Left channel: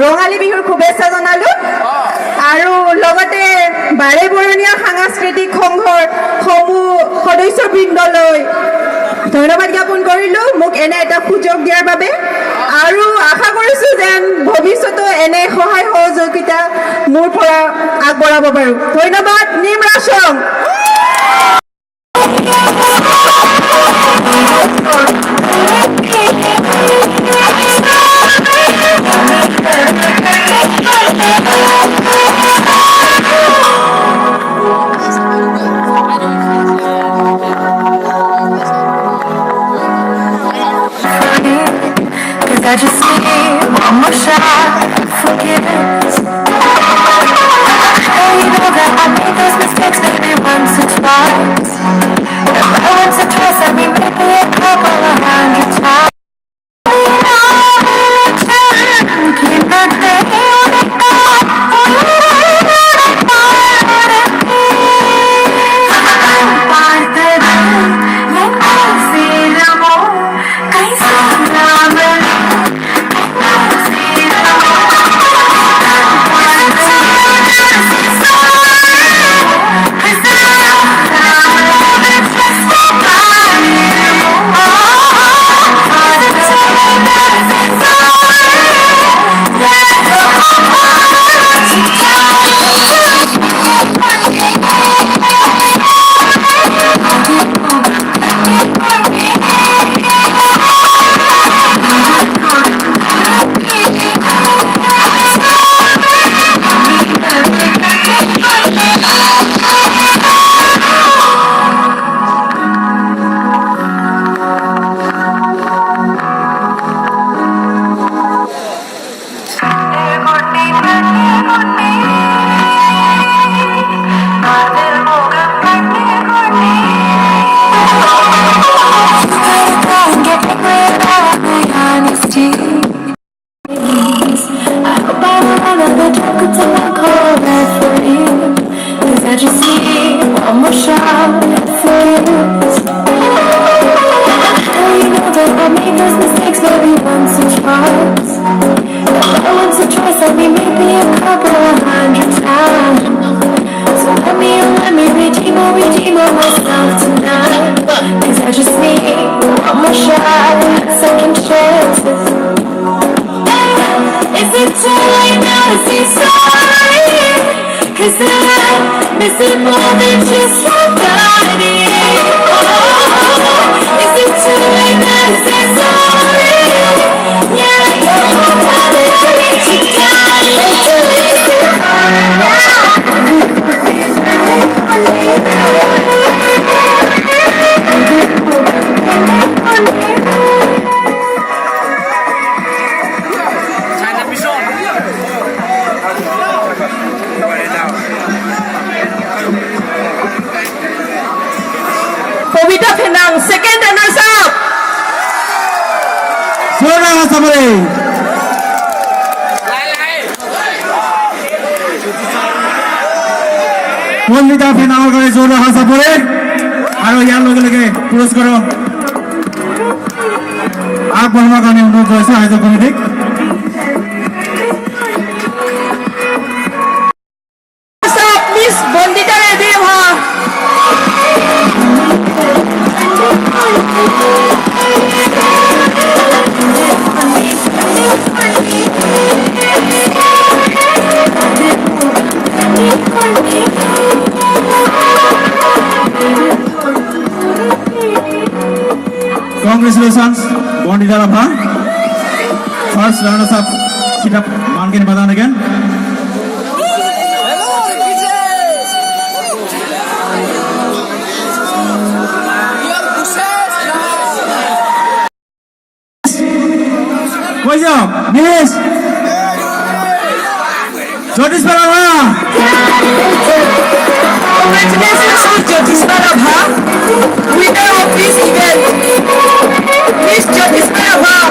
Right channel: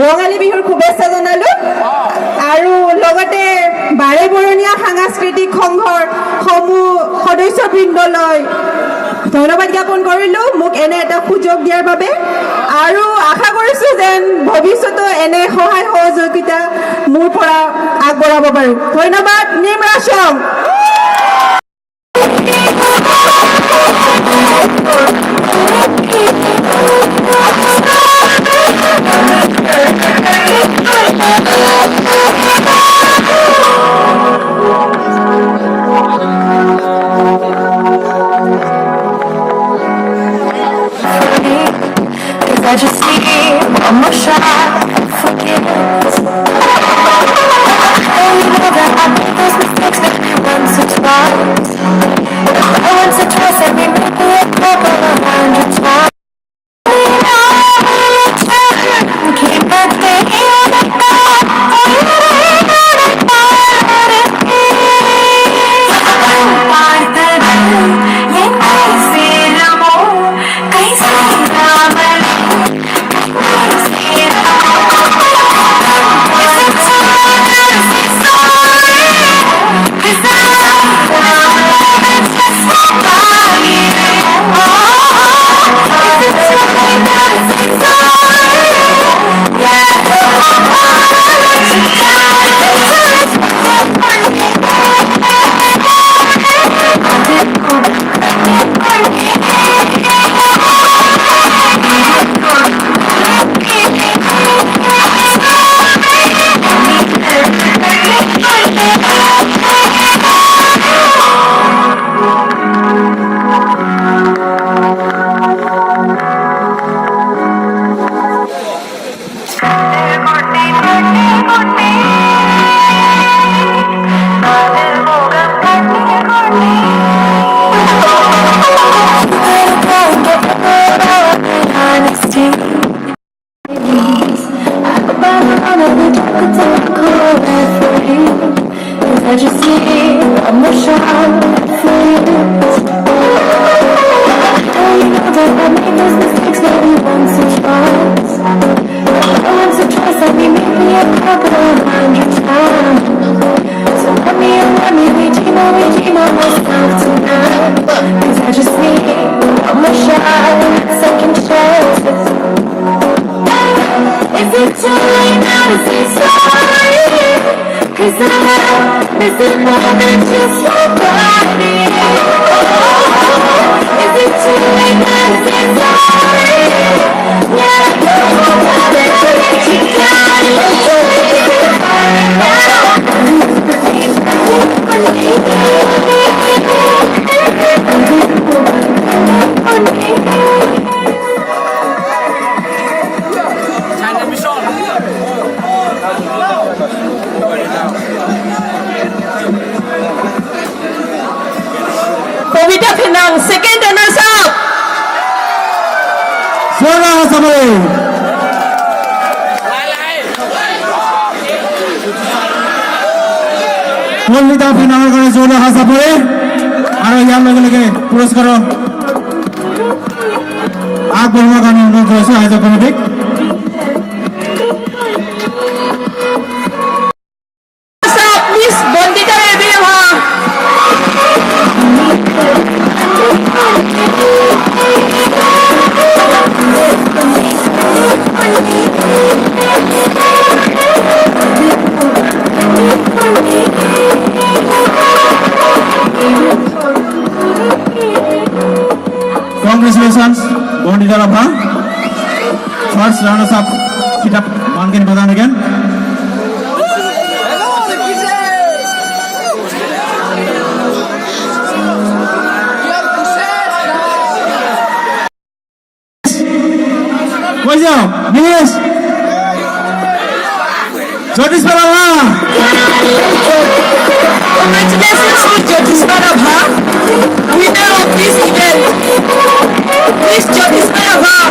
ৰঙালী বিহুৰ শুভেচ্ছা জনালো আৰু লগতে বাৰেবৰণীয়া সাংস্কৃতিক সংঘৰ সমূহ সদস্যবৃন্দলৈ ধন্যবাদ জ্ঞাপন কৰিলো মোক এনে এটা সুযোগ দিয়াৰ বাবে আৰু আশা কৰিছো যেন ভৱিষ্যতো এনে সহায় সহযোগিতা মোৰ পৰা আগবঢ়াব পাৰো ধন্যবাদ নিমৰাসম I just need one more shot of forgiveness. And you know that I made those mistakes maybe once or twice. If I once or twice, I mean maybe a couple of 100 times. Keep that thing I just need one more shot for you. You know that I made those mistakes maybe once or twice. Once or twice, I mean maybe a couple of 100 times. So let me redeem myself tonight. 'Cause I just need one more shot, second chances. Is it too late now to say sorry? 'Cause I miss it more than just your body. Oh, is it too late now to say sorry? Yeah, I'm gonna let you second runners up. Doray Assembly. Pumita final করে Doray Assembly আৰু ইয়াৰ লগে লগে পুৰস্কাৰ আগবঢ়োৱাৰ কাৰণে অনুৰোধ কৰিছো আয়োজক কমিটিক প্লিজ বন্দিতা ৰেডি হোৱা Congratulations, Bondita Rabha. First runners up, Chitak Mankin Badan again. What's up? Yes. Jyotish Barabha. Congratulations to Jyotish Barabha, winner of this event. Please, Jyotish Barabha.